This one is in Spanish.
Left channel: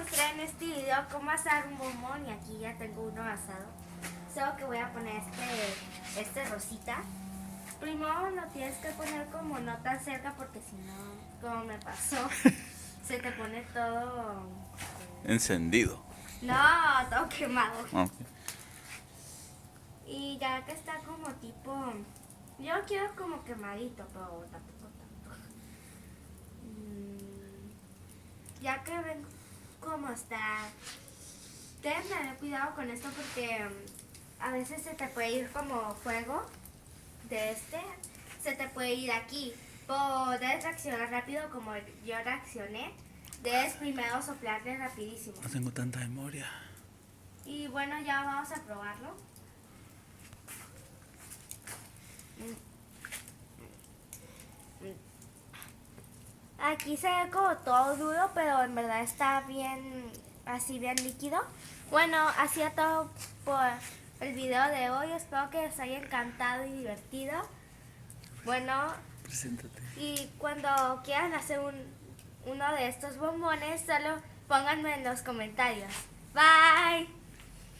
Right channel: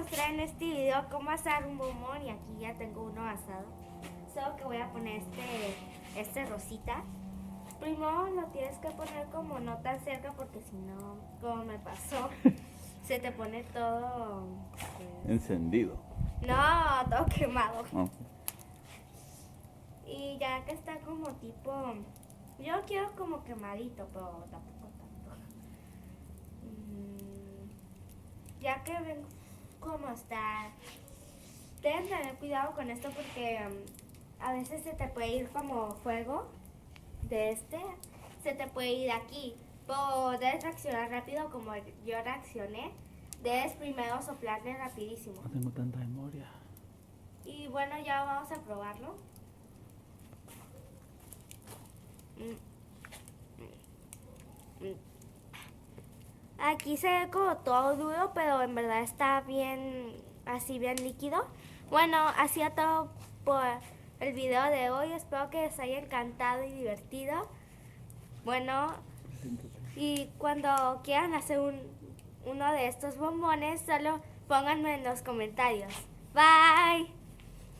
mostrar en este video cómo asar un bombón y aquí ya tengo uno asado. Solo que voy a poner este rosita. Primero lo tienes que poner como no tan cerca porque si no, como me pasó, se te pone todo... Encendido. No, todo quemado. Ok. Y ya que está como tipo... Yo quiero como quemadito, pero tampoco tanto. Ya que ven cómo está, deben tener cuidado con esto porque a veces se te puede ir como fuego de se te puede ir aquí. Pero debes reaccionar rápido como yo reaccioné. Debes primero soplarle rapidísimo. No tengo tanta memoria. Y bueno, ya vamos a probarlo. Aquí se ve como todo duro, pero en verdad está bien, así bien líquido. Bueno, así es todo por el video de hoy. Espero que les haya encantado y divertido. Bueno, Preséntate. y cuando quieran hacer uno de estos bombones, solo pónganme en los comentarios. Bye.